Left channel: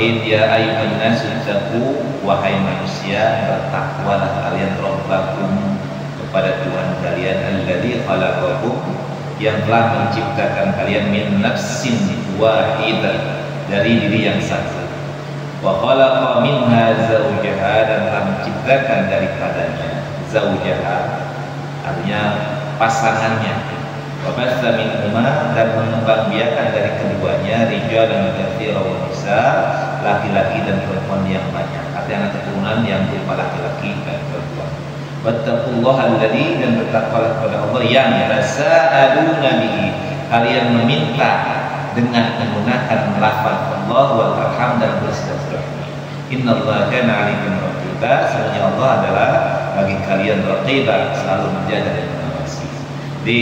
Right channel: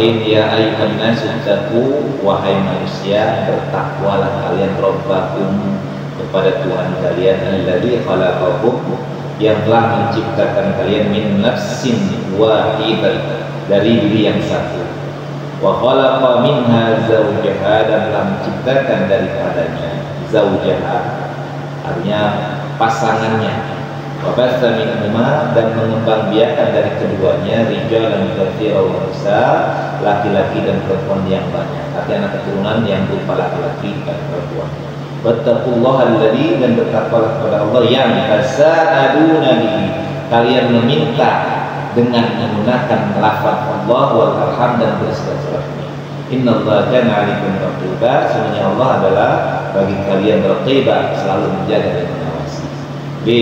Bismillahirrahmanirrahim. Ya ayyuhan nasu taqu, wahai manusia, bertakwalah kalian rabbakum, kepada Tuhan kalian, alladzi khalaqakum, yang telah menciptakan kalian min nafsin wahidah, dari diri yang satu, wa khalaqa minha zawjaha, dan telah menciptakan daripadanya zawjaha, artinya pasangannya, wa batsa minhuma, dan mengembangbiakan dari keduanya rijalan katsiran wa nisa, laki-laki dan perempuan yang banyak, artinya anak keturunan yang berupa laki-laki dan perempuan. Wattaqullaha alladzi, dan bertakwalah kepada Allah yang tasaaluna bihi, kalian meminta dengan menggunakan lafaz Allah wal arham dan bersilaturahmi. Innallaha kana 'alaikum raqiba, sesungguhnya Allah adalah bagi kalian raqiba, selalu menjaga dan mengawasi. Di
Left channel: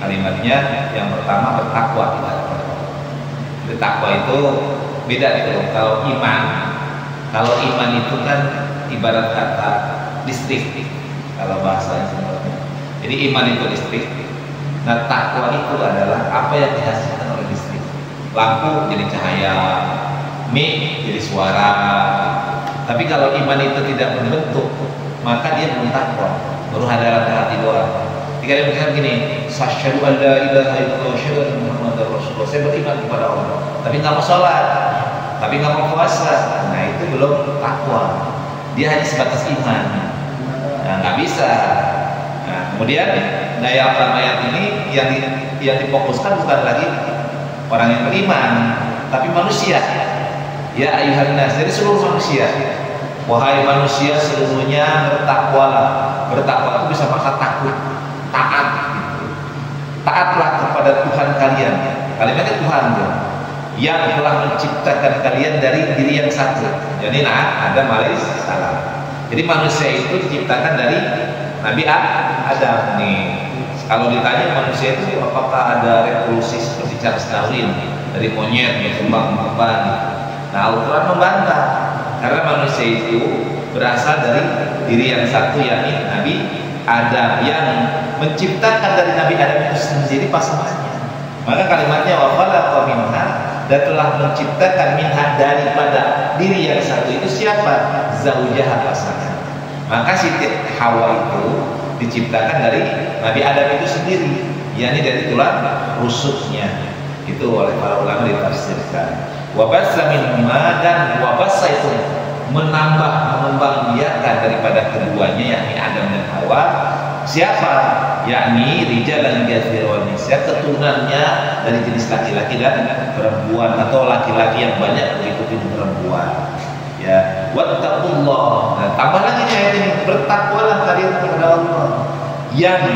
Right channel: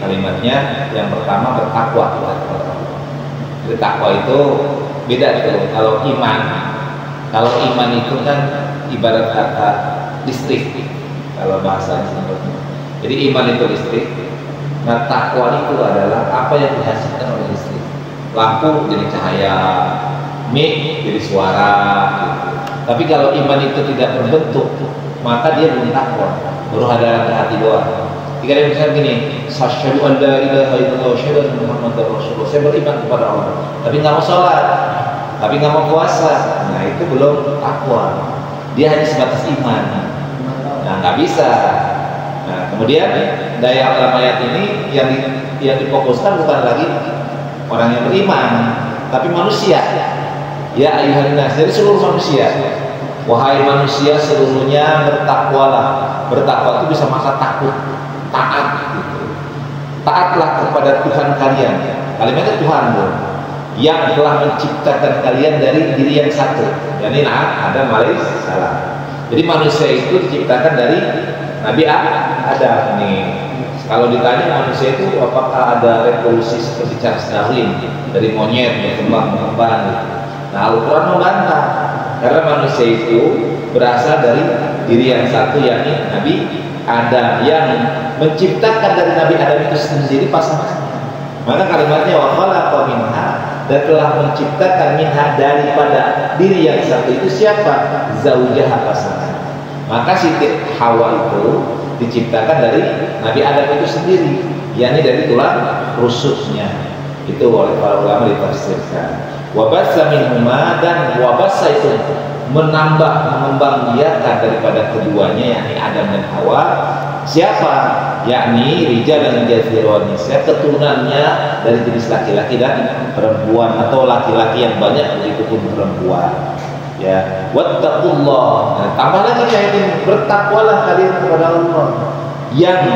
kalimatnya yang pertama bertakwa kepada Allah. Bertakwa itu beda itu. Kalau iman itu kan ibarat kata listrik, kalau bahasanya simpelnya. Jadi iman itu listrik. Nah, takwa itu adalah apa yang dihasilkan oleh listrik. Lampu jadi cahaya, mic jadi suara gitu. Tapi kalau iman itu tidak berbentuk, maka dia belum takwa, baru hadarat hati doang. Jika dia misalkan gini, asyhadu an la ilaha illallah wa asyhadu anna muhammadar rasulullah, saya beriman kepada Allah, tapi nggak mau sholat, tapi nggak mau puasa, nah itu belum takwa. Dia hanya sebatas iman, nah nggak bisa. Nah, kemudian daya dalam ayat ini yang difokuskan bukan lagi orang yang beriman, tapi manusia. Ya ayuhan nas, jadi seluruh manusia. Wahai manusia seluruhnya, bertakwalah. Bertakwa itu bisa makna takut, taat gitu. Taatlah kepada Tuhan kalian. Kalimatnya Tuhan tuh, yang telah menciptakan kalian dari diri yang satu. Jadi ada malis salah. Jadi manusia itu diciptakan dari Nabi Adam nih. Kalau ditanya manusia itu apakah ada revolusi seperti Charles Darwin, dari monyet berkembang. Nah, Al-Quran membantah, karena manusia itu berasal dari diri yang satu, yakni Nabi Adam, yang menciptakan dari Nabi Adam itu sendiri pasangannya. Maka kalimatnya wa khalaqa minha, dan telah menciptakan minha, daripada diri yang satu itu siapa? Zaujaha, pasangan. Maka Siti Hawa itu diciptakan dari Nabi Adam itu sendiri, yakni dari tulang rusuknya. Itu oleh para ulama ditafsirkan. Wabassa minhuma, dan wabassa itu menambah, mengembangbiakan daripada keduanya, yakni Adam dan Hawa. Siapa? Yakni rijal dan katsiran nisa, keturunannya dari jenis laki-laki dan perempuan, atau laki-laki yang banyak begitu pun perempuan. Ya, wattaqullah. Nah, tambah lagi ayat ini, bertakwalah kalian kepada Allah, yang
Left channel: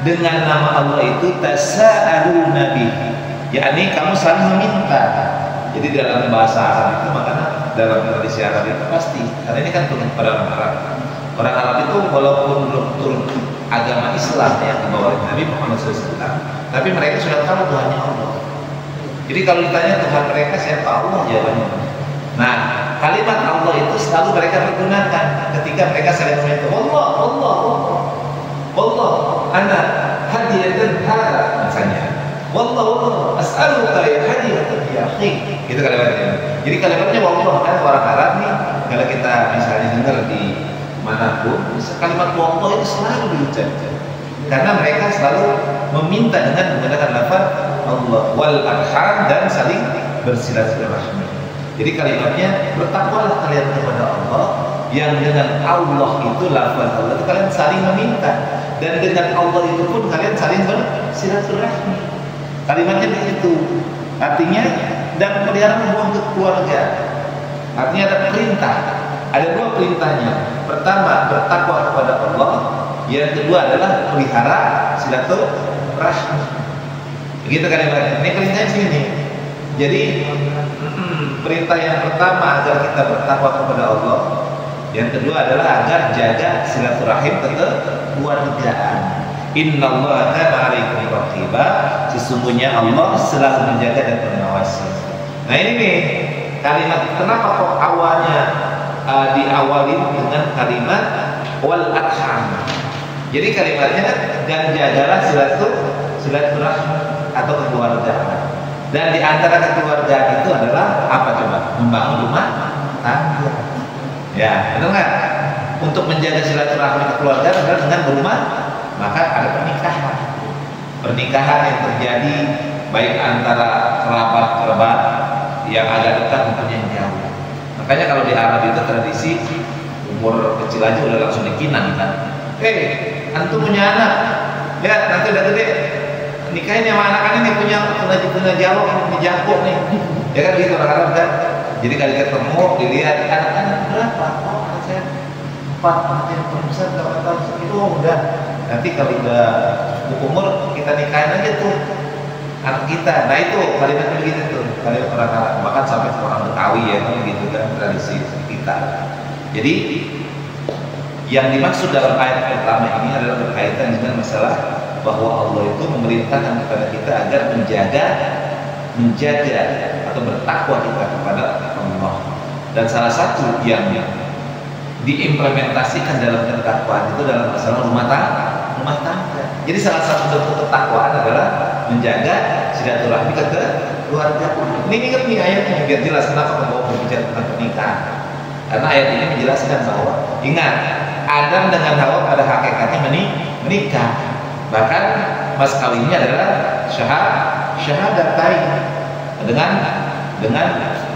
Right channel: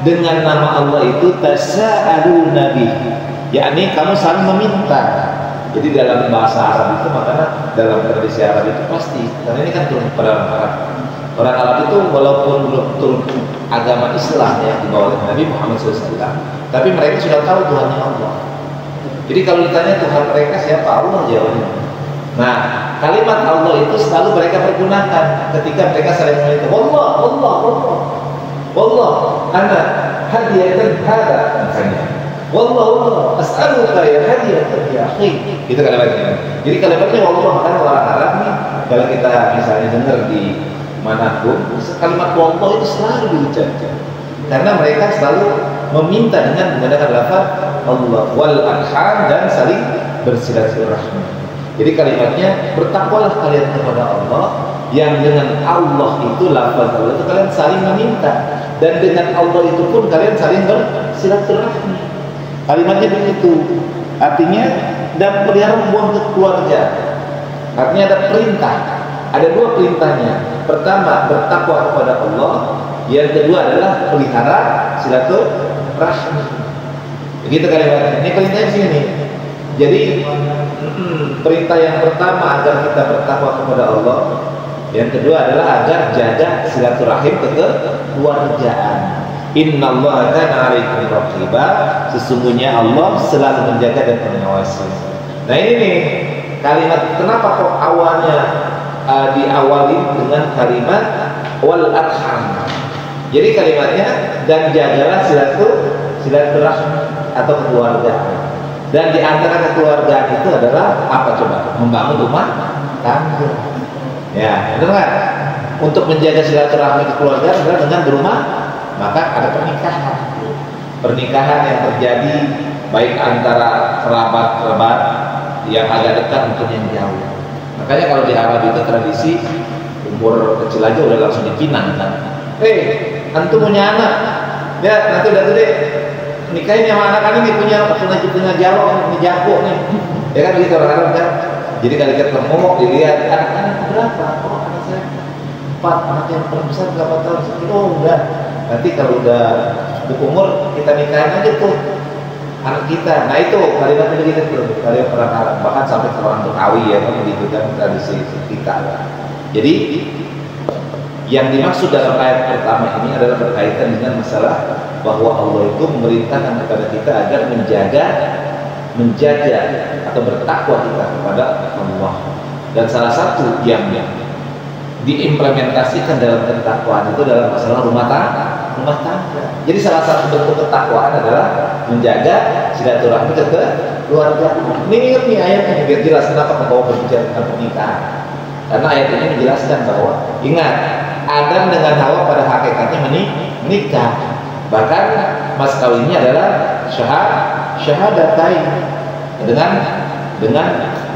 dengan nama Allah itu tasaaluna bihi, yakni kamu saling meminta. Jadi dalam bahasa Arab itu, makanya dalam tradisi Arab itu pasti, karena ini kan turun kepada orang Arab. Orang Arab itu walaupun belum turun agama Islam yang dibawa oleh Nabi Muhammad SAW, tapi mereka sudah tahu Tuhannya Allah. Jadi kalau ditanya Tuhan mereka siapa, Allah jawabannya. Nah, kalimat Allah itu selalu mereka pergunakan ketika mereka saling meminta. Wallah, ana hadiyatan hada, misalnya. Wallah, as'aluka ya hadiyatan ya akhi. Itu kalimatnya. Jadi kalimatnya wallah, makanya orang Arab nih, kalau kita misalnya dengar di manapun, kalimat wallah itu selalu diucapkan, karena mereka selalu meminta dengan menggunakan lafaz Allah, wal arham, dan saling bersilaturahmi. Jadi kalimatnya bertakwalah kalian kepada Allah, yang dengan Allah itu, lafaz Allah itu kalian saling meminta, dan dengan Allah itu pun kalian saling bersilaturahmi. Kalimatnya begitu. Artinya, dan pelihara hubungan keluarga. Artinya ada perintah. Ada dua perintahnya. Pertama, bertakwa kepada Allah. Yang kedua adalah pelihara silaturahmi. Begitu kalimatnya. Ini perintahnya sini. Jadi perintah yang pertama agar kita bertakwa kepada Allah. Yang kedua adalah agar jaga silaturahim kekeluargaan. Innallaha kana 'alaikum raqiba, sesungguhnya Allah selalu menjaga dan mengawasi. Nah ini nih kalimat, kenapa kok awalnya diawali dengan kalimat wal arham. Jadi kalimatnya, dan jagalah silaturahmi atau keluarga. Dan di antara kekeluargaan itu adalah apa coba? Membangun rumah tangga. Ya, betul nggak? Untuk menjaga silaturahmi kekeluargaan adalah dengan berumah, maka ada pernikahan. Pernikahan yang terjadi baik antara kerabat-kerabat yang agak dekat maupun yang jauh. Makanya kalau di Arab itu tradisi umur kecil aja udah langsung dipinang kan. Antum punya anak, ya nanti udah gede nikahin sama anak ini punya jawab, punya jago nih. Ya kan gitu orang Arab kan. Jadi kali ketemu dilihat anak-anak berapa? Oh anak saya 4, anak yang terbesar berapa tahun? Oh udah. Nanti kalau udah cukup umur kita nikahin aja tuh anak kita. Nah itu kalian begitu tuh, kalian pernah bahkan sampai ke orang Betawi ya kan begitu kan tradisi kita. Jadi yang dimaksud dalam ayat pertama ini adalah berkaitan dengan masalah bahwa Allah itu memerintahkan kepada kita agar menjaga atau bertakwa kita kepada Allah. Dan salah satu yang diimplementasikan dalam ketakwaan itu dalam masalah rumah tangga. Jadi salah satu bentuk ketakwaan adalah menjaga silaturahmi ke keluarga. Ini ingat nih ayatnya biar jelas kenapa kebawa berbicara tentang pernikahan. Karena ayat ini menjelaskan bahwa ingat Adam dengan Hawa pada hakikatnya menikah. Bahkan mas kawinnya adalah syahadatain dengan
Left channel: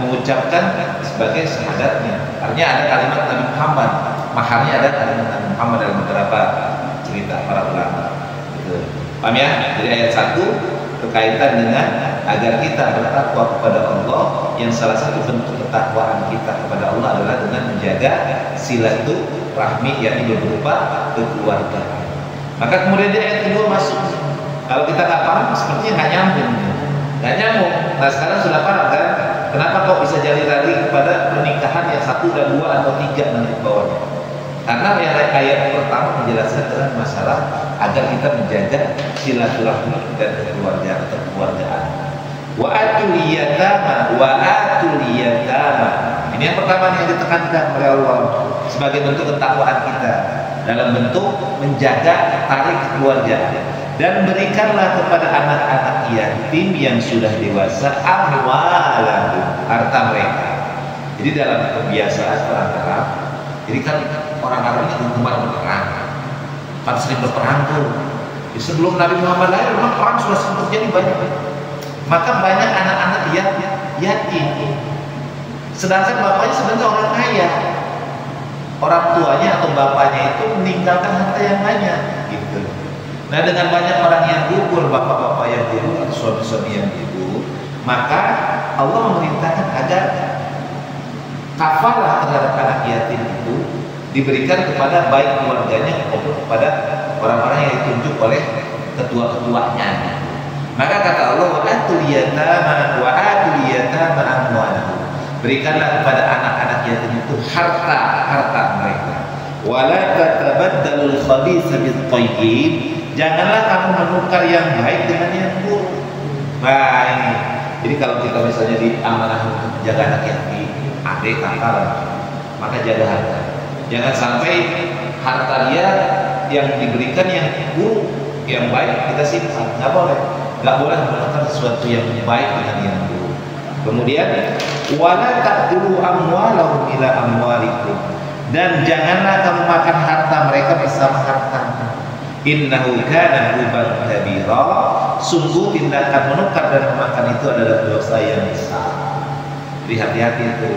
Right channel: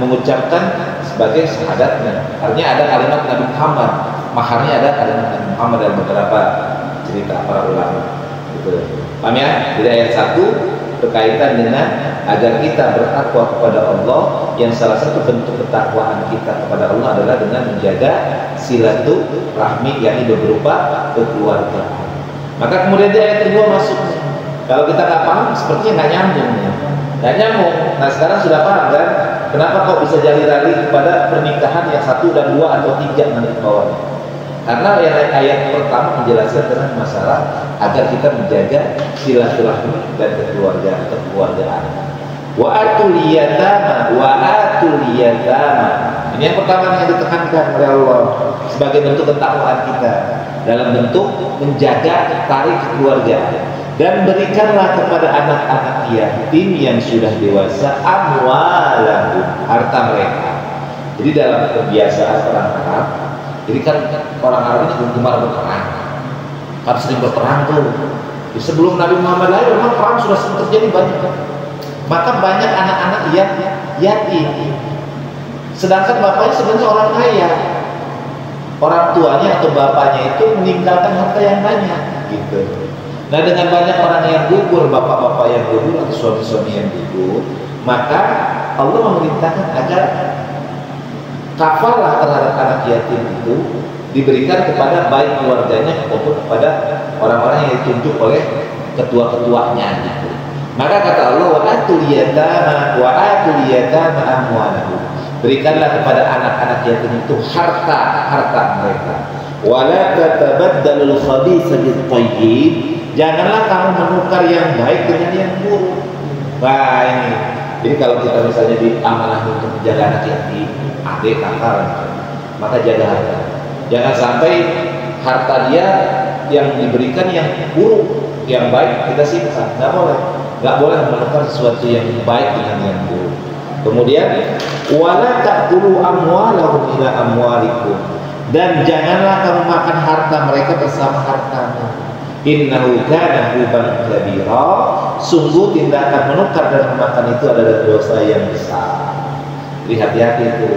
mengucapkan sebagai syahadatnya. Artinya ada kalimat Nabi Muhammad, maharnya ada kalimat Nabi Muhammad dalam beberapa cerita para ulama. Gitu. Paham ya? Jadi ayat 1 berkaitan dengan agar kita bertakwa kepada Allah, yang salah satu bentuk ketakwaan kita kepada Allah adalah dengan menjaga silaturahmi, yakni berupa kekeluargaan. Maka kemudian di ayat kedua masuk. Kalau kita nggak paham, sepertinya nggak nyambung. Nah sekarang sudah paham kan? Kenapa kok bisa jadi lari kepada pernikahan yang 1 dan 2 atau 3 nanti bawahnya? Karena yang ayat pertama menjelaskan tentang masalah agar kita menjaga silaturahmi dan kekeluargaan. Wa atul yatama. Ini yang pertama yang ditekankan oleh Allah sebagai bentuk ketakwaan kita dalam bentuk menjaga tarik keluarga. Dan berikanlah kepada anak-anak yatim yang sudah dewasa amwalahum, harta mereka. Jadi dalam kebiasaan orang Arab, jadi kan orang Arab itu gemar berperang, kan sering berperang tuh. Sebelum Nabi Muhammad lahir, memang perang sudah sering terjadi banyak. Maka banyak anak-anak yang yatim. Sedangkan bapaknya sebenarnya orang kaya. Orang tuanya atau bapaknya itu meninggalkan harta yang banyak, gitu. Nah dengan banyak orang yang gugur, bapak-bapak yang gugur atau suami-suami yang gugur, maka Allah memerintahkan agar kafalah terhadap anak yatim itu diberikan kepada baik keluarganya maupun kepada orang-orang yang ditunjuk oleh ketua-ketuanya. Maka kata Allah, wa atul yatama amwalahum. Berikanlah kepada anak-anak yatim itu harta mereka. Wala tatabaddalul khabitha bit-thayyib. Janganlah kamu menukar yang baik dengan yang buruk. Nah ini. Jadi kalau kita misalnya diamanah untuk menjaga anak yatim, adik, kakak, maka jaga harta. Jangan sampai harta dia yang diberikan yang buruk, yang baik kita simpan. Nggak boleh menukar sesuatu yang baik dengan yang buruk. Kemudian wala ta'kulu amwalahum ila amwalikum. Dan janganlah kamu makan harta mereka bersama hartamu. Innahu kana huban kabira. Sungguh tindakan menukar dan memakan itu adalah dosa yang besar. Jadi hati-hati itu.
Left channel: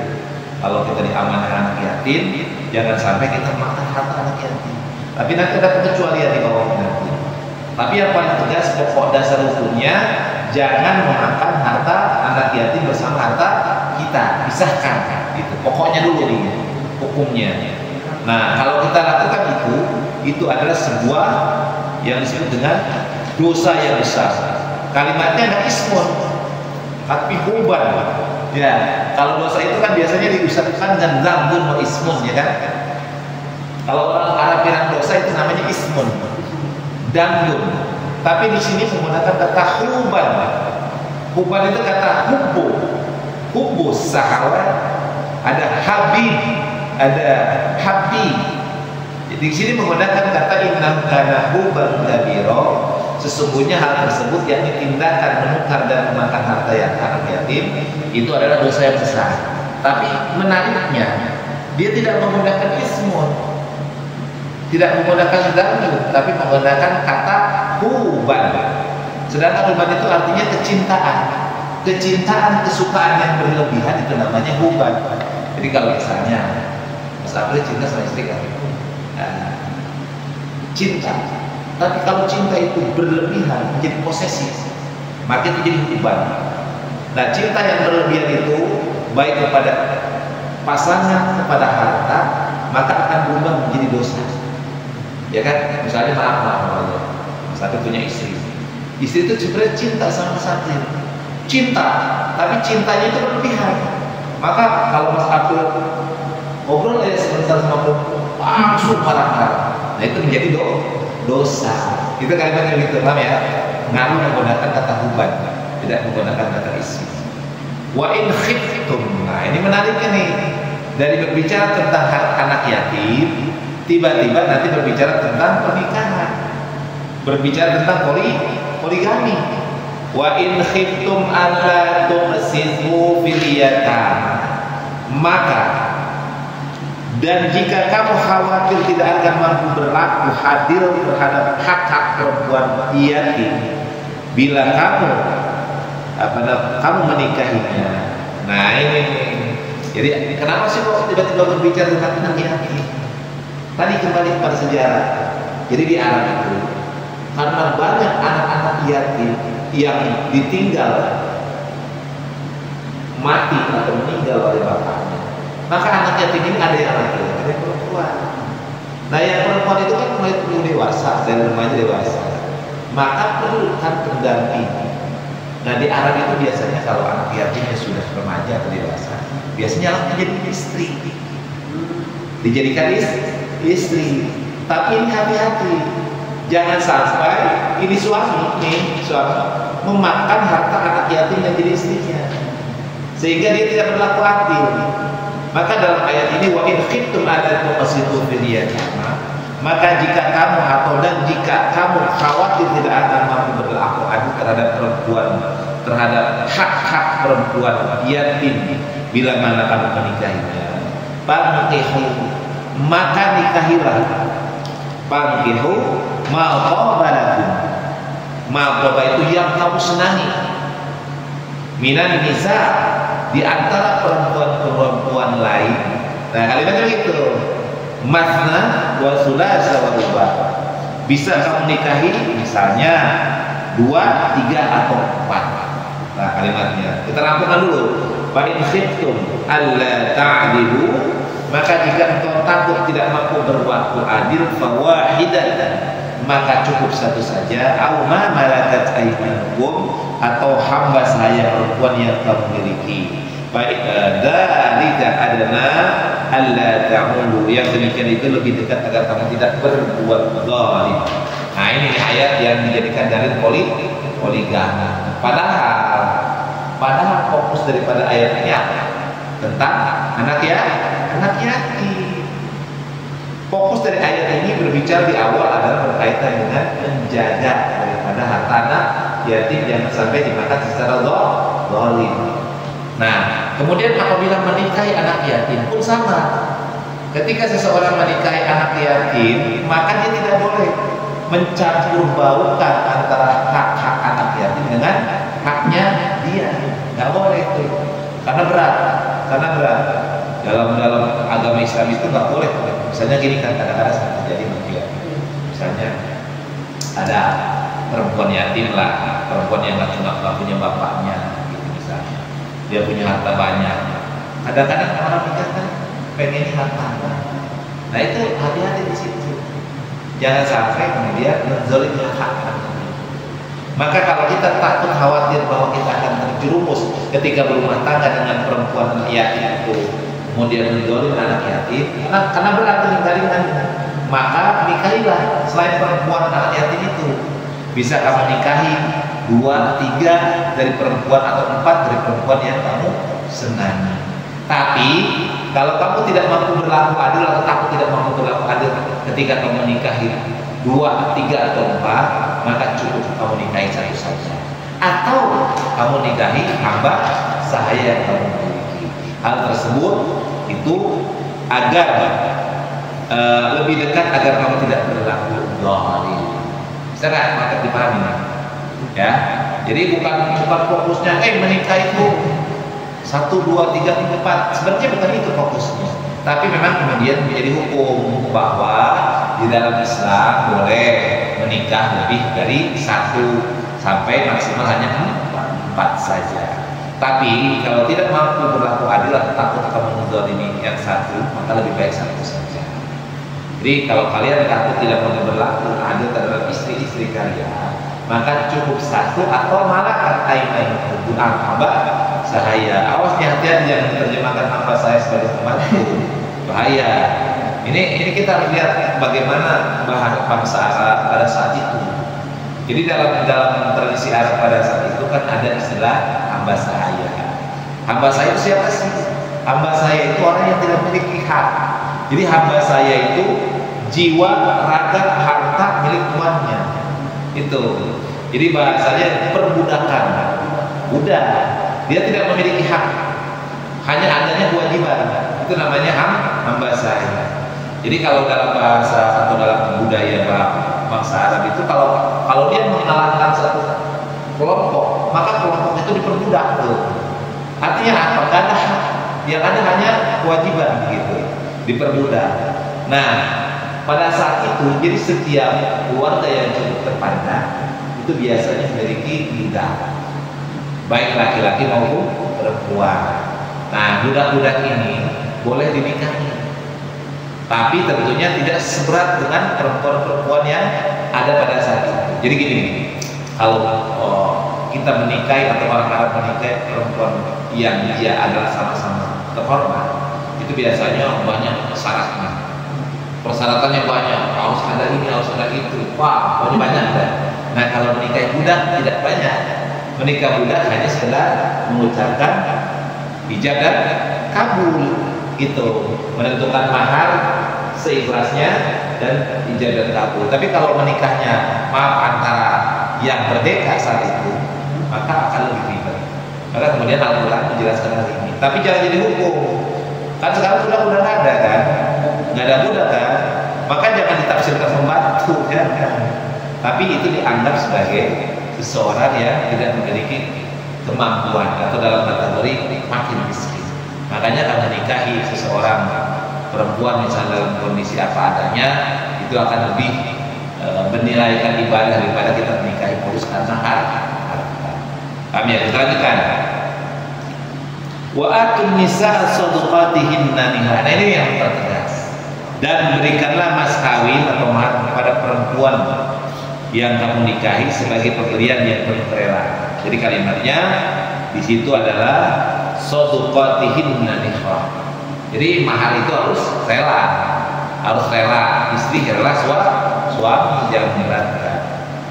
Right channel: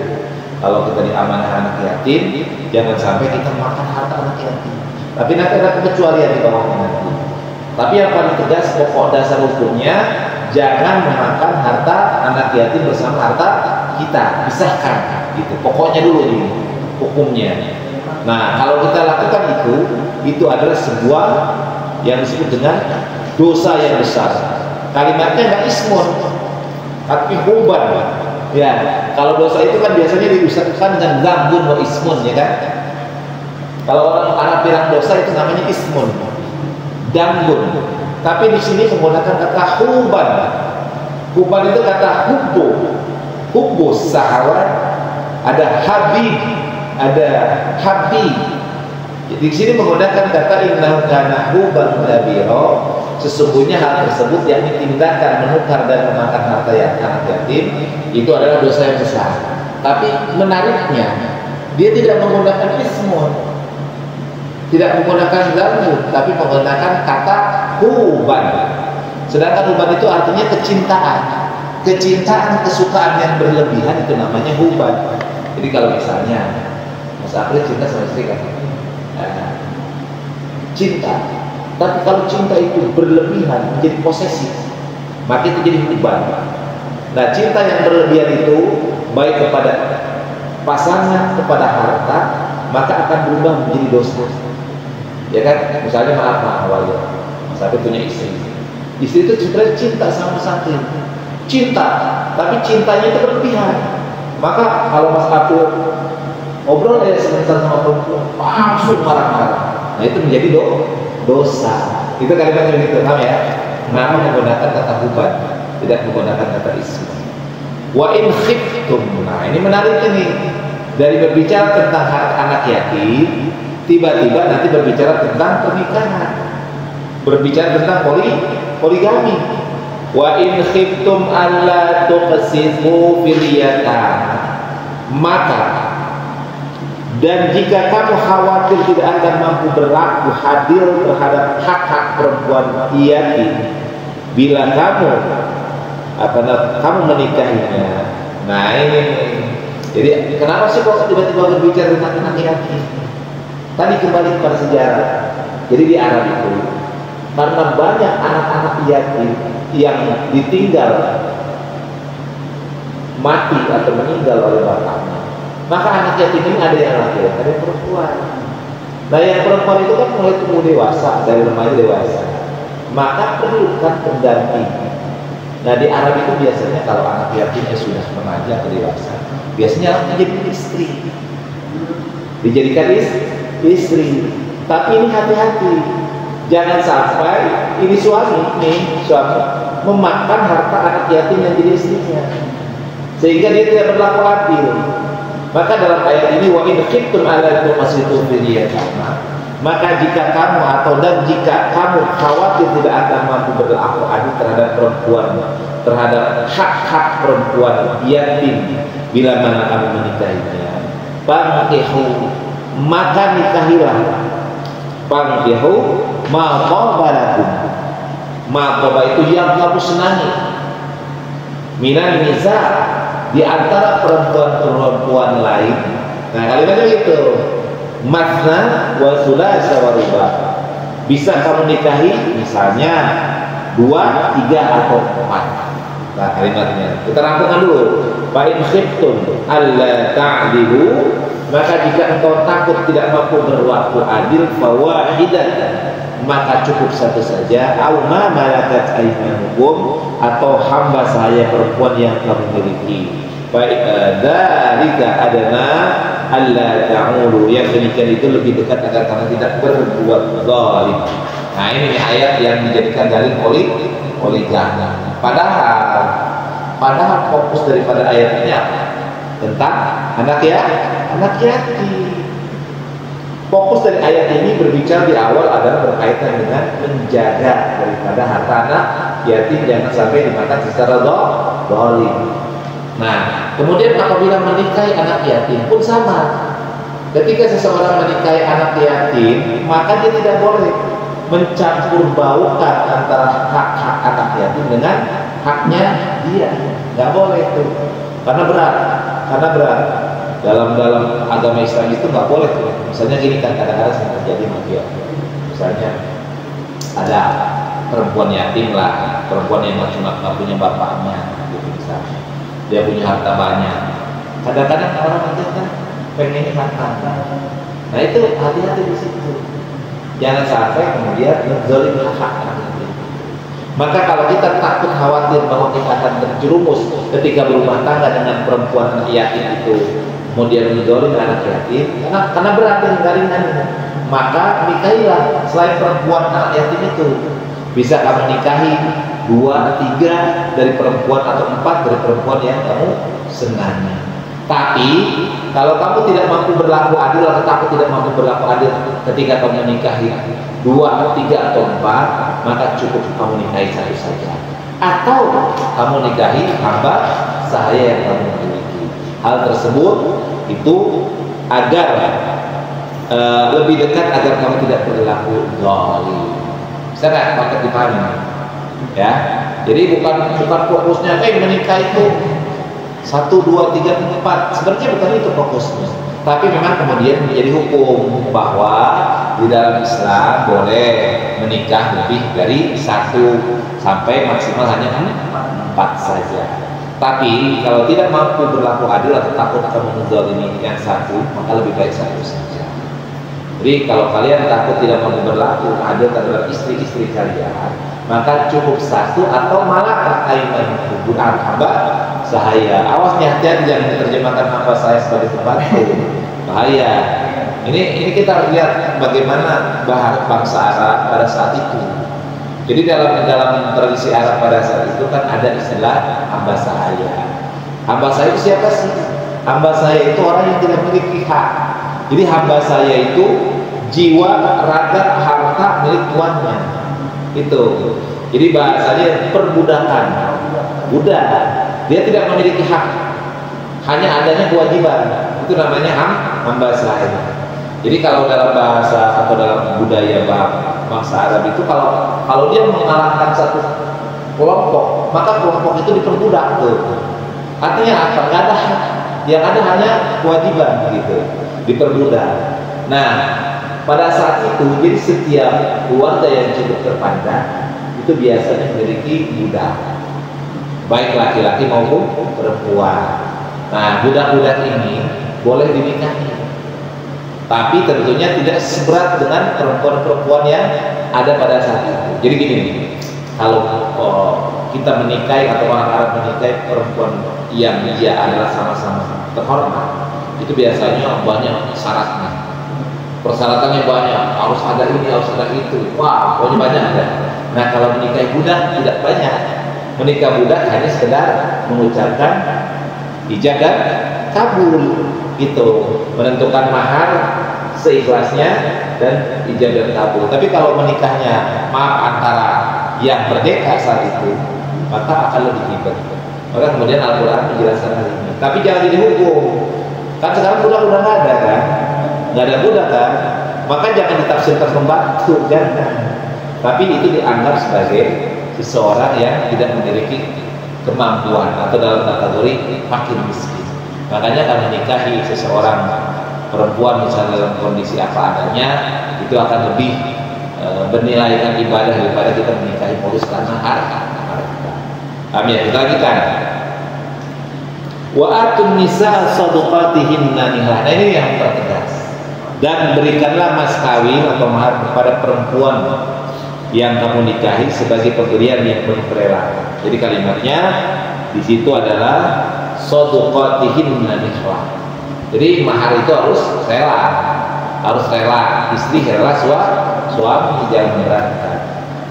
Kalau kita diamanah anak yatim, jangan sampai kita makan harta anak yatim. Tapi nanti ada pengecualian di bawahnya nanti. Tapi yang paling tegas pokok dasar hukumnya, jangan memakan harta anak yatim bersama harta kita. Pisahkan gitu. Pokoknya dulu nih hukumnya. Nah, kalau kita lakukan itu adalah sebuah yang disebut dengan dosa yang besar. Kalimatnya nggak ismun, tapi huban. Ya, kalau dosa itu kan biasanya diusahakan dengan zambun atau ismun, ya kan? Kalau orang Arab bilang dosa itu namanya ismun, dambun. Tapi di sini menggunakan kata huban. Huban itu kata hubbu sahawat, ada habib, ada habib. Jadi di sini menggunakan kata innahu kana huban kabira. sesungguhnya hal tersebut yakni tindakan menukar dan memakan harta yang anak yatim itu adalah dosa yang besar. Tapi menariknya dia tidak menggunakan ismun, tidak menggunakan ganggu, tapi menggunakan kata huban. Sedangkan huban itu artinya kecintaan, kesukaan yang berlebihan itu namanya huban. Jadi kalau misalnya Mas April cinta sama istri kan, cinta. Tapi kalau cinta itu berlebihan menjadi posesif, maka itu jadi huban. Nah, cinta yang berlebihan itu baik kepada pasangan, kepada harta, maka akan berubah menjadi dosa. Ya kan? Misalnya maaf ya, Mas April punya istri. Istri itu sebenarnya cinta sama Mas April. Cinta, tapi cintanya itu berlebihan. Maka kalau Mas April ngobrol ya sebentar sama perempuan, langsung marah-marah. Nah, itu menjadi dosa. Itu kalimatnya gitu, paham ya? Nama menggunakan kata huban, tidak menggunakan kata isi. Wa in khiftum. Nah, ini menariknya nih. Dari berbicara tentang hak anak yatim, tiba-tiba nanti berbicara tentang pernikahan. Berbicara tentang poligami. Wa in khiftum alla tuqsitu fil yatama. Maka dan jika kamu khawatir tidak akan mampu berlaku adil terhadap hak-hak perempuan yatim bila kamu menikahinya. Nah ini. Jadi kenapa sih kok tiba-tiba berbicara tentang anak yatim? Tadi kembali kepada sejarah. Jadi di Arab itu karena banyak anak-anak yatim yang ditinggal mati atau meninggal oleh bapaknya, maka anak yatim ini ada yang laki-laki, ada yang perempuan. Nah yang perempuan itu kan mulai tumbuh dewasa, dari remaja dewasa, maka perlukan pendamping. Nah di Arab itu biasanya kalau anak yatimnya sudah remaja atau dewasa, biasanya menjadi istri, dijadikan istri. Tapi ini hati-hati, jangan sampai ini suami memakan harta anak yatim yang jadi istrinya, sehingga dia tidak berlaku adil. Maka dalam ayat ini wa in khiftum alla tuqsitu fil yatama, maka jika kamu jika kamu khawatir tidak akan mampu berlaku adil terhadap perempuan, terhadap hak-hak perempuan yatim bila mana kamu menikahinya, fankihu, maka nikahilah. Fankihu ma qabalakum, ma qaba itu yang kamu senangi, minan nisa, di antara perempuan-perempuan lain. Nah kalimatnya itu masna wa sulasa wa ruba. Bisa kamu nikahi misalnya 2, 3 atau 4. Nah kalimatnya kita rampungkan dulu. Fa in khiftum alla ta'dilu, maka jika engkau takut tidak mampu berlaku adil, fawahidatan, maka cukup satu saja, au ma malakat aymanukum, atau hamba saya perempuan yang kamu miliki. Baik, dzalika adana alla ta'ulu, yang demikian itu lebih dekat agar kamu tidak berbuat zalim. Nah ini ayat yang dijadikan dalil poligami. Padahal fokus daripada ayat ini apa? Tentang anak yatim. Fokus dari ayat ini berbicara di awal adalah berkaitan dengan menjaga daripada harta anak yatim jangan sampai dimakan secara zalim. Nah, kemudian apabila menikahi anak yatim pun sama. Ketika seseorang menikahi anak yatim, maka dia tidak boleh mencampur baukan antara hak-hak anak yatim dengan haknya dia. Nggak boleh itu. Karena berat. Dalam agama Islam itu nggak boleh. Misalnya gini kan kadang-kadang terjadi mafia. Misalnya ada perempuan yatim lah, perempuan yang nggak punya bapaknya, gitu misalnya. Dia punya harta banyak. Kadang-kadang orang kita kan pengen harta. Nah itu hati-hati di situ. Jangan sampai kemudian menzalimi hak anak. Maka kalau kita takut khawatir bahwa kita akan terjerumus ketika berumah tangga dengan perempuan yatim itu, kemudian menzalimi anak yatim, karena berat ringan, maka nikahilah selain perempuan anak yatim itu. Bisa kamu nikahi 2, 3 dari perempuan atau 4 dari perempuan yang kamu senangi. Tapi kalau kamu tidak mampu berlaku adil atau kamu tidak mampu berlaku adil ketika kamu nikahi 2, 3 atau 4, maka cukup kamu nikahi 1 saja. Atau kamu nikahi hamba sahaya yang kamu miliki. Hal tersebut itu agar lebih dekat agar kamu tidak berlaku zalim. Bisa nggak? Maka dipahami. Ya, jadi bukan fokusnya menikah itu 1, 2, 3, 4. Sebenarnya bukan itu fokusnya. Tapi memang kemudian menjadi hukum bahwa di dalam Islam boleh menikah lebih dari 1 sampai maksimal hanya 4 saja. Tapi kalau tidak mampu berlaku adil atau takut akan menzalimi yang 1, maka lebih baik 1 saja. Jadi kalau kalian takut tidak mampu berlaku adil terhadap istri-istri kalian, maka cukup 1 atau malah aiman Quran hamba sahaya. Awasnya hati-hati jangan diterjemahkan hamba saya sebagai pembantu. Bahaya. Ini kita lihat bagaimana bangsa Arab pada saat itu. Jadi dalam tradisi Arab pada saat itu kan ada istilah hamba sahaya. Hamba sahaya itu siapa sih? Hamba sahaya itu orang yang tidak memiliki hak. Jadi hamba saya itu jiwa, raga, harta milik tuannya. Itu. Jadi bahasanya perbudakan. Budak. Dia tidak memiliki hak. Hanya adanya kewajiban. Itu namanya hamba saya. Jadi kalau dalam bahasa atau dalam budaya bangsa Arab itu kalau dia mengalahkan satu kelompok, maka kelompok itu diperbudak tuh. Artinya apa? Gak ada hak. Yang ada hanya kewajiban gitu. Diperbudak. Nah, pada saat itu jadi setiap keluarga yang cukup terpandang itu biasanya memiliki budak, baik laki-laki maupun perempuan. Nah, budak-budak ini boleh dinikahi, tapi tentunya tidak seberat dengan perempuan-perempuan yang ada pada saat itu. Jadi gini, kalau kita menikahi atau orang Arab menikahi perempuan yang dia adalah sama-sama terhormat, itu biasanya banyak syaratnya, persyaratannya banyak, harus ada ini, harus ada itu, wah pokoknya banyak deh. Nah kalau menikah budak tidak banyak, menikah budak hanya sekedar mengucapkan ijab dan kabul gitu, menentukan mahar seikhlasnya dan ijab dan kabul. Tapi kalau menikahnya antara yang merdeka saat itu, maka akan lebih ribet. Maka kemudian Al-Quran menjelaskan hal ini. Tapi jangan jadi hukum. Kan sekarang budak udah nggak ada kan, nggak ada budak kan, maka jangan ditafsirkan pembantu, jangan. Tapi itu dianggap sebagai seseorang yang tidak memiliki kemampuan atau dalam kategori fakir miskin. Makanya kalau menikahi seseorang perempuan misalnya dalam kondisi apa adanya, itu akan lebih bernilaikan ibadah daripada kita menikahi modus karena harta. Kami ya, kita lanjutkan. Wa atun nisa sadaqatihinna nihlah. Nah ini yang pertegas. Dan berikanlah mas kawin atau mahar kepada perempuan yang kamu nikahi sebagai pemberian yang penuh rela. Jadi kalimatnya di situ adalah sadaqatihinna nihlah. Jadi mahar itu harus rela. Harus rela. Istri rela, suami jangan memberatkan.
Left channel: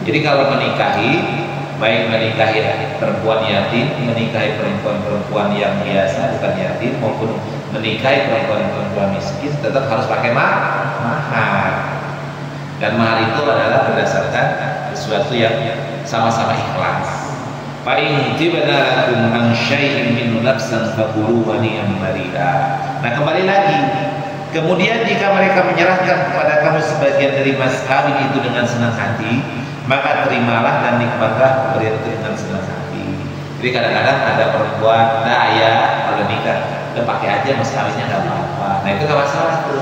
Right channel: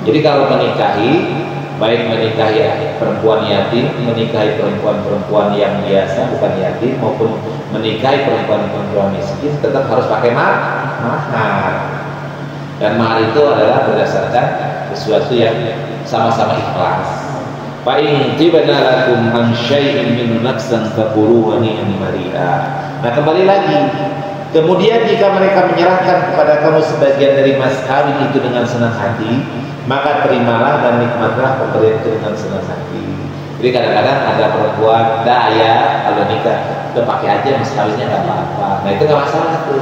Jadi kalau menikahi, baik menikahi perempuan yatim, menikahi perempuan-perempuan yang biasa bukan yatim, maupun menikahi perempuan-perempuan miskin, tetap harus pakai mahar. Dan mahar itu adalah berdasarkan sesuatu yang sama-sama ikhlas. Fa in tibna lakum an syai'in min nafsin faqulu hani'an mari'a. Nah kembali lagi, kemudian jika mereka menyerahkan kepada kamu sebagian dari mas kawin itu dengan senang hati, maka terimalah dan nikmatlah pemberian itu dengan senang hati. Jadi kadang-kadang ada perempuan daya kalau nikah udah pakai aja mas kawinnya nggak apa-apa. Nah itu nggak masalah tuh,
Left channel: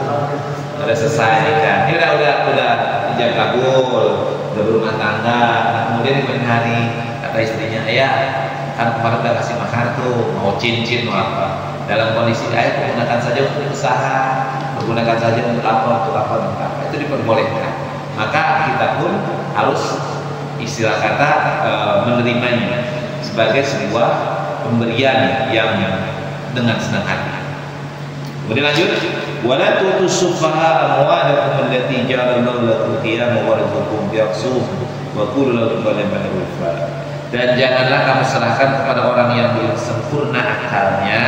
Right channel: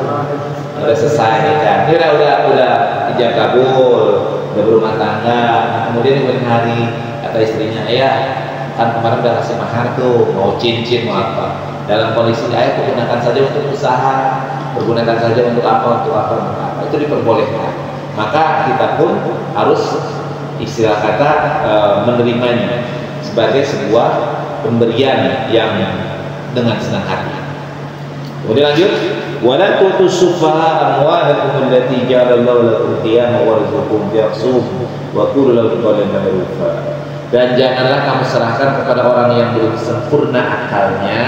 udah selesai kan. Ini udah ijab kabul, udah berumah tangga. Nah, kemudian di kemudian hari kata istrinya, ayah kan kemarin udah kasih mahar tuh, mau cincin mau apa. Dalam kondisi ayah pergunakan saja untuk usaha, pergunakan saja untuk apa, itu diperbolehkan. Maka kita pun harus istilah kata menerimanya sebagai sebuah pemberian yang dengan senang hati. Kemudian lanjut, wala tutusuffaha amwalakum allati ja'alallahu lakum qiyaman warzuqhum bi'aqsum wa qulu lahum qawlan ma'rufa. Dan janganlah kamu serahkan kepada orang yang belum sempurna akalnya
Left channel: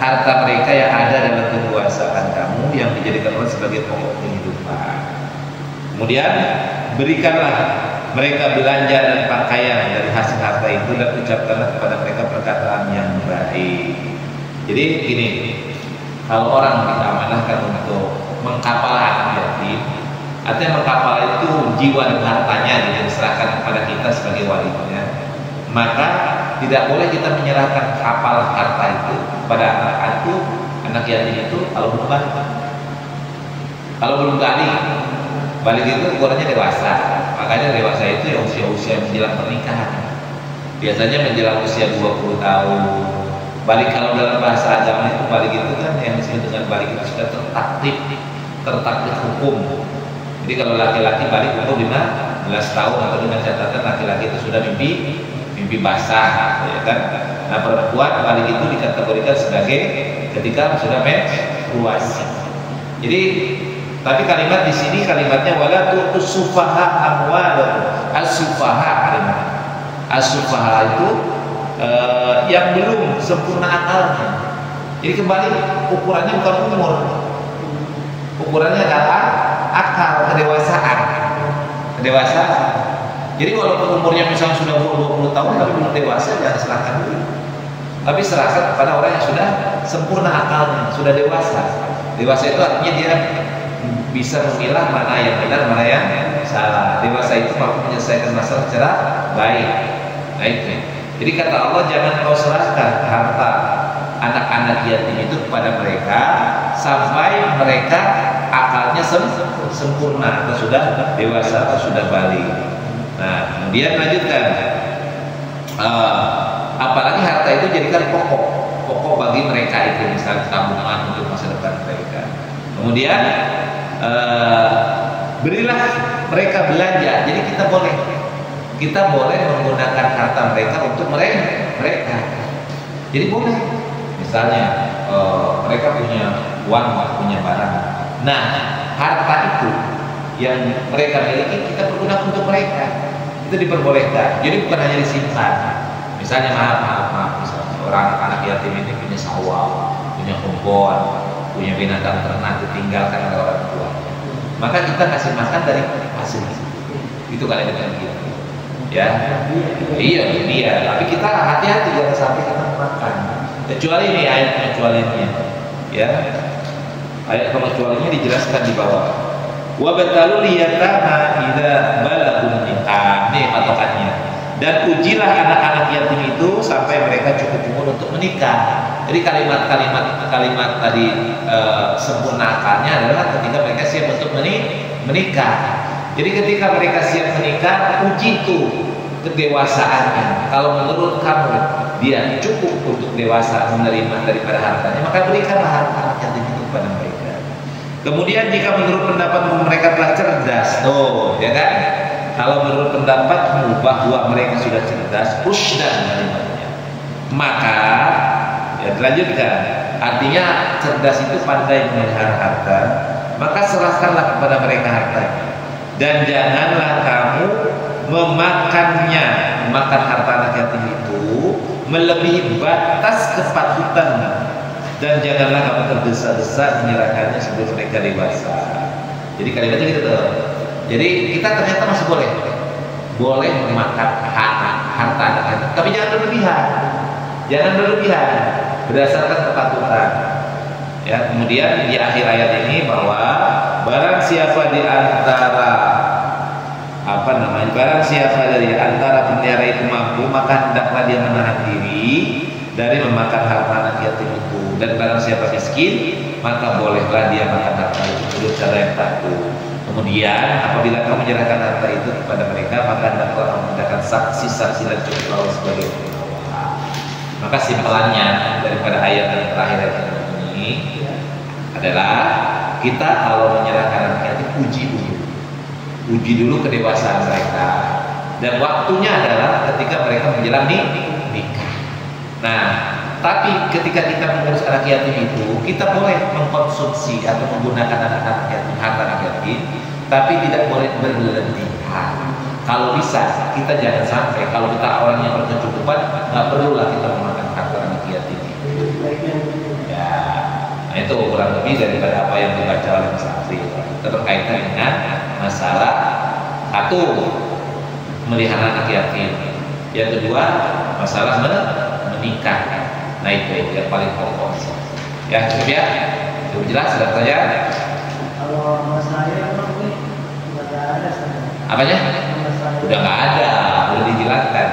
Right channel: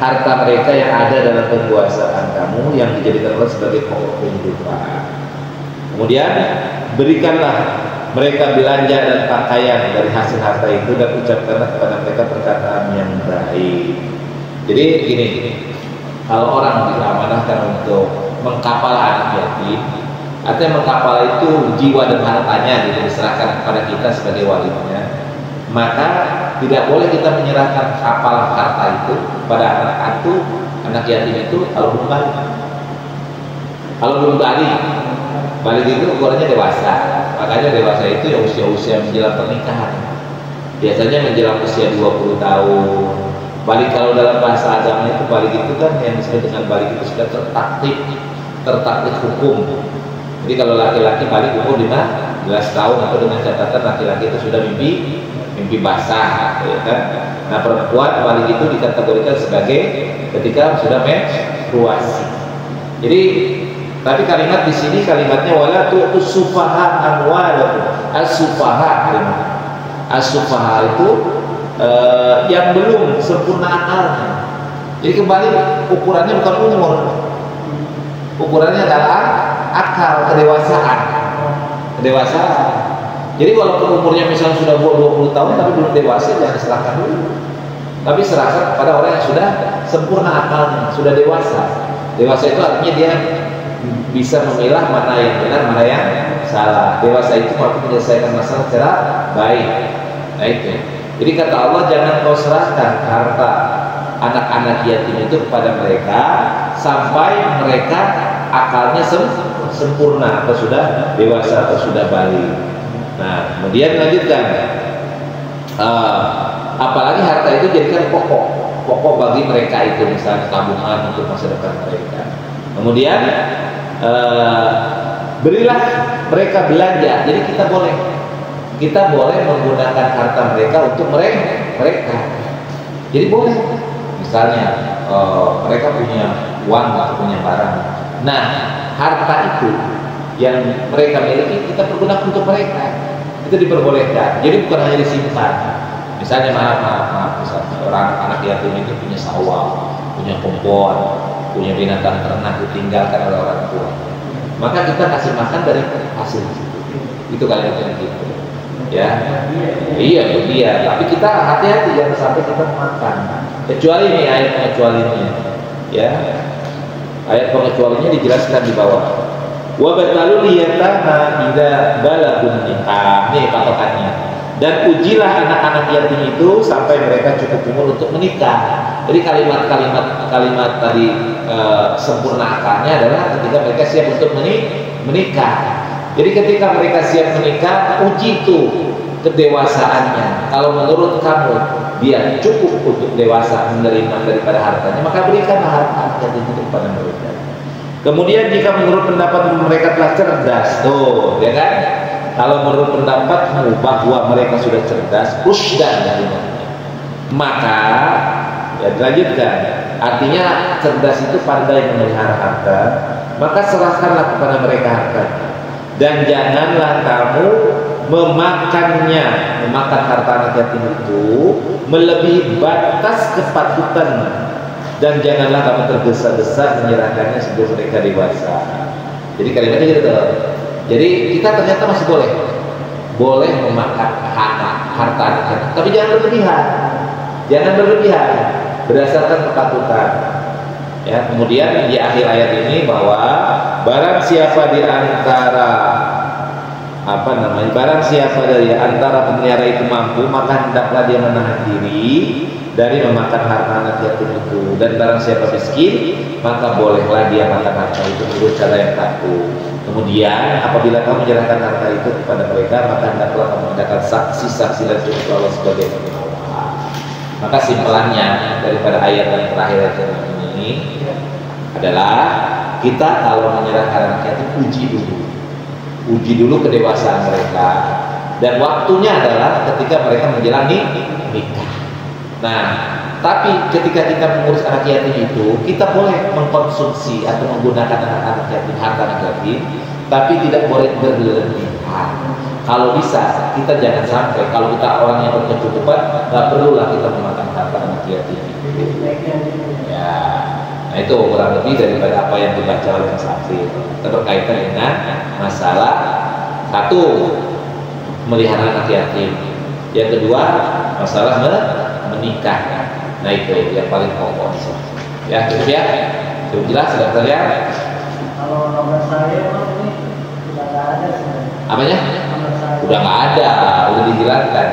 harta mereka yang ada dalam kekuasaan kamu yang dijadikan Allah sebagai pokok kehidupan. Kemudian berikanlah mereka belanja dan pakaian dari hasil harta itu dan ucapkanlah kepada mereka perkataan yang baik. Jadi gini, kalau orang diamanahkan untuk mengkapal anak yatim, artinya mengkapal itu jiwa dan hartanya diserahkan kepada kita sebagai walinya, maka tidak boleh kita menyerahkan kapal harta itu kepada anak yatim itu kalau belum balik. Kalau belum balik itu ukurannya dewasa. Makanya dewasa itu ya usia-usia menjelang pernikahan. Biasanya menjelang usia 20 tahun. Balik kalau dalam bahasa agama itu balik itu kan yang disebut dengan balik itu sudah tertaklif hukum. Jadi kalau laki-laki balik umur 15 tahun atau dengan catatan laki-laki itu sudah mimpi basah, ya kan? Nah perempuan balik itu dikategorikan sebagai ketika sudah menstruasi. Jadi tapi kalimat di sini kalimatnya wala tu'tus sufaha amwalakum. As-sufaha as-sufaha itu yang belum sempurna akalnya. Jadi kembali ukurannya bukan umur. Ukurannya adalah akal, kedewasaan. Jadi walaupun umurnya misalnya sudah 20 tahun tapi belum dewasa, jangan serahkan dulu. Tapi serahkan kepada orang yang sudah sempurna akalnya, sudah dewasa. Dewasa itu artinya dia bisa memilah mana yang benar, mana yang salah. Dewasa itu mampu menyelesaikan masalah secara baik. Nah itu. Jadi kata Allah, jangan kau serahkan harta anak-anak yatim itu kepada mereka sampai mereka akalnya sempurna atau sudah dewasa atau sudah balik. Nah kemudian lanjutkan, apalagi harta itu jadikan pokok bagi mereka itu, misalnya tabungan untuk masa depan mereka. Kemudian berilah mereka belanja. Jadi kita boleh menggunakan harta mereka untuk mereka. Jadi boleh, misalnya mereka punya uang atau punya barang. Nah harta itu yang mereka miliki kita pergunakan untuk mereka, itu diperbolehkan. Jadi bukan hanya disimpan. Misalnya maaf, misalnya orang anak yatim ini punya sawah, punya kebun, punya binatang ternak ditinggalkan oleh orang tua, maka kita kasih makan dari hasil itu kalian gitu. Ya, iya dia. Tapi kita hati-hati jangan sampai kita makan. Kecuali ini ayat pengecualiannya, ya. Ayat pengecualiannya dijelaskan di bawah. Wa batalul yatama idza balagun nikah. Ini patokannya. Dan ujilah anak-anak yatim itu sampai mereka cukup umur untuk menikah. Jadi kalimat tadi sempurnakannya adalah ketika mereka siap untuk menikah. Jadi ketika mereka siap menikah, uji itu kedewasaannya. Kalau menurut kamu dia cukup untuk dewasa menerima daripada hartanya, maka berikanlah harta yatim itu kepada mereka. Kemudian jika menurut pendapat mereka telah cerdas, tuh, ya kan? Kalau menurut pendapatmu bahwa mereka sudah cerdas, rusdan kalimatnya, maka ya dilanjutkan. Artinya cerdas itu pandai memelihara harta, maka serahkanlah kepada mereka harta. Dan janganlah kamu memakan harta anak yatim itu melebihi batas kepatutan, dan janganlah kamu tergesa-gesa menyerahkannya sebelum mereka dewasa. Jadi kalimatnya gitu. Jadi kita ternyata masih boleh memakan harta anak yatim, tapi jangan berlebihan berdasarkan kepatutan. Ya, kemudian di akhir ayat ini bahwa barang siapa di antara dari antara pemelihara itu mampu, maka hendaklah dia menahan diri dari memakan harta anak yatim itu. Dan barang siapa miskin, maka bolehlah dia makan harta itu menurut cara yang takut. Kemudian apabila kamu menyerahkan harta itu kepada mereka, maka hendaklah kamu hendakkan saksi-saksi dan cukup Allah sebagai pengawas. Maka simpulannya daripada ayat yang terakhir ini adalah kita kalau menyerahkan anak yatim uji dulu kedewasaan mereka, dan waktunya adalah ketika mereka menjalani nikah. Nah, tapi ketika kita mengurus anak yatim itu, kita boleh mengkonsumsi atau menggunakan anak yatim, harta anak yatim, tapi tidak boleh berlebihan. Kalau bisa, kita jangan sampai, kalau kita orang yang berkecukupan, nggak perlulah kita memakan harta anak yatim itu. Ya, nah itu kurang lebih daripada apa yang dibaca oleh Mas Afri. Itu berkaitan dengan masalah satu, melihara anak yatim. Yang kedua, masalah menikah. Nah itu yang paling pokok. Ya, cukup ya. Cukup jelas, sudah pertanyaan? Kalau nama saya ini sudah nggak ada sebenarnya. Apanya? Nama saya. Udah nggak ada, udah dijelaskan.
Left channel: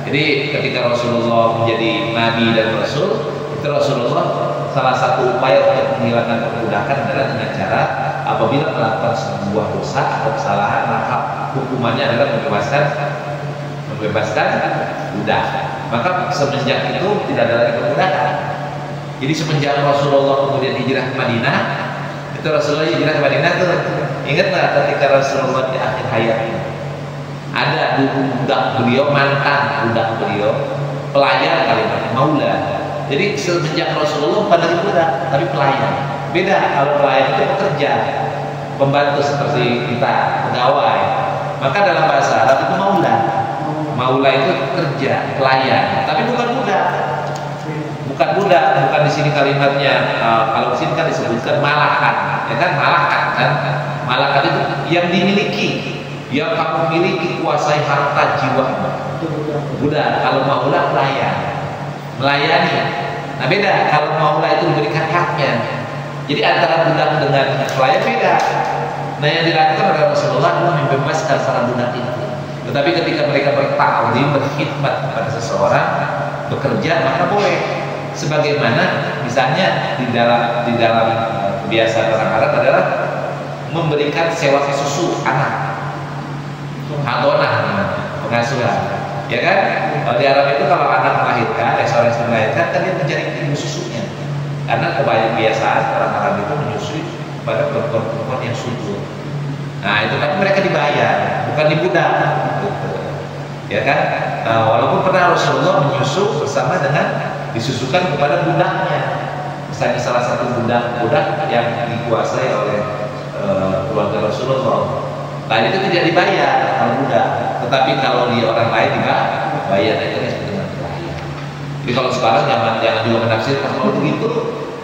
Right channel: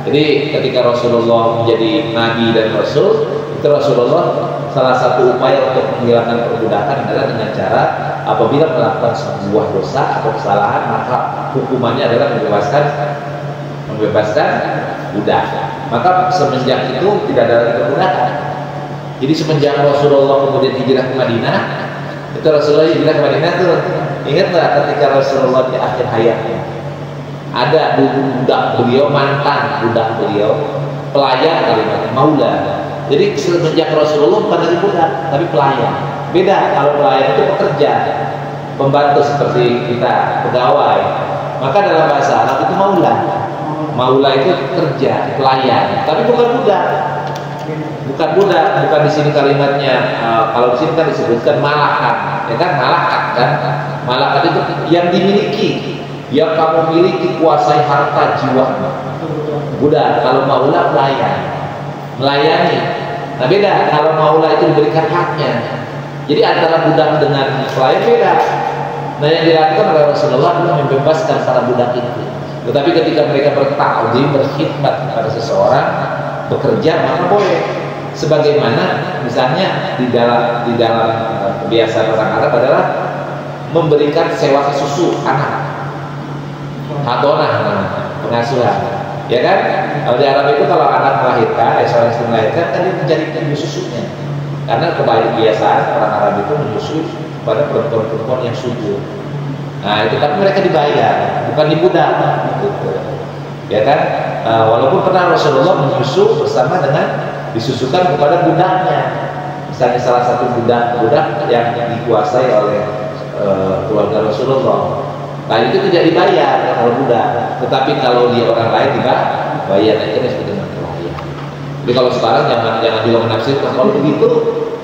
Jadi ketika Rasulullah menjadi Nabi dan Rasul, itu Rasulullah salah satu upaya untuk menghilangkan perbudakan adalah dengan cara apabila melakukan sebuah dosa atau kesalahan, maka hukumannya adalah membebaskan budak. Maka semenjak itu tidak ada lagi perbudakan. Jadi semenjak Rasulullah kemudian hijrah ke Madinah, itu Rasulullah hijrah ke Madinah tuh, ingat nggak ketika Rasulullah di akhir hayatnya ada budak beliau, mantan budak beliau, pelayan kalimatnya maula. Jadi semenjak Rasulullah bukan lagi budak, tapi pelayan. Beda, kalau pelayan itu pekerja, pembantu seperti kita, pegawai. Maka dalam bahasa Arab itu maula. Maula itu kerja, pelayan, tapi bukan budak. Bukan budak, bukan di sini kalimatnya. Kalau di sini kan disebutkan malakat, ya kan? Malakat kan? Malakat itu yang dimiliki, yang kamu miliki, kuasai harta jiwa. Budak. Kalau maula pelayan, melayani. Nah beda, kalau maula itu diberikan haknya. Jadi antara budak dengan pelayan beda. Nah yang dilakukan oleh Rasulullah adalah membebaskan para budak itu. Tetapi ketika mereka bertaklim, berkhidmat kepada seseorang, bekerja, maka boleh. Sebagaimana misalnya di dalam kebiasaan orang Arab adalah memberikan sewa susu anak, hadonah, pengasuhan, ya kan? Kalau di Arab itu kalau anak melahirkan, seorang istri melahirkan, kan dia mencari ibu susunya, karena kebiasaan orang Arab itu menyusui pada perempuan-perempuan yang subur. Nah itu kan mereka dibayar, bukan dibudak, gitu. Ya kan? Walaupun pernah Rasulullah menyusu bersama dengan disusukan kepada budaknya. Misalnya salah satu budak yang dikuasai oleh keluarga Rasulullah. Nah itu tidak dibayar kalau budak, tetapi kalau dia orang lain dibayar, itu disebut dengan pelayan. Tapi kalau sekarang jangan juga menafsirkan kalau begitu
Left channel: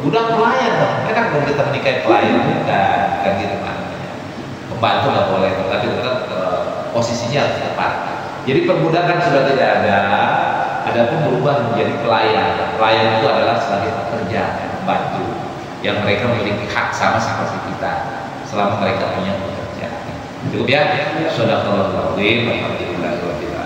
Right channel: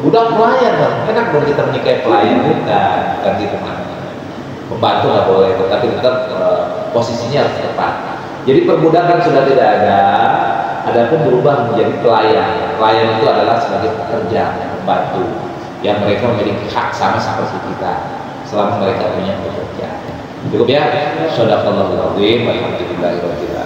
budak pelayan dong. Kan belum kita menikahi pelayan, bukan gitu kan. Pembantu nggak boleh, tetapi tetap posisinya harus tepat. Jadi perbudakan sudah tidak ada, adapun berubah menjadi pelayan. Pelayan itu adalah sebagai pekerja, pembantu, yang mereka memiliki hak sama seperti kita selama mereka punya pekerjaan. Cukup ya. Shadaqallahul azim. Alhamdulillahirabbil alamin.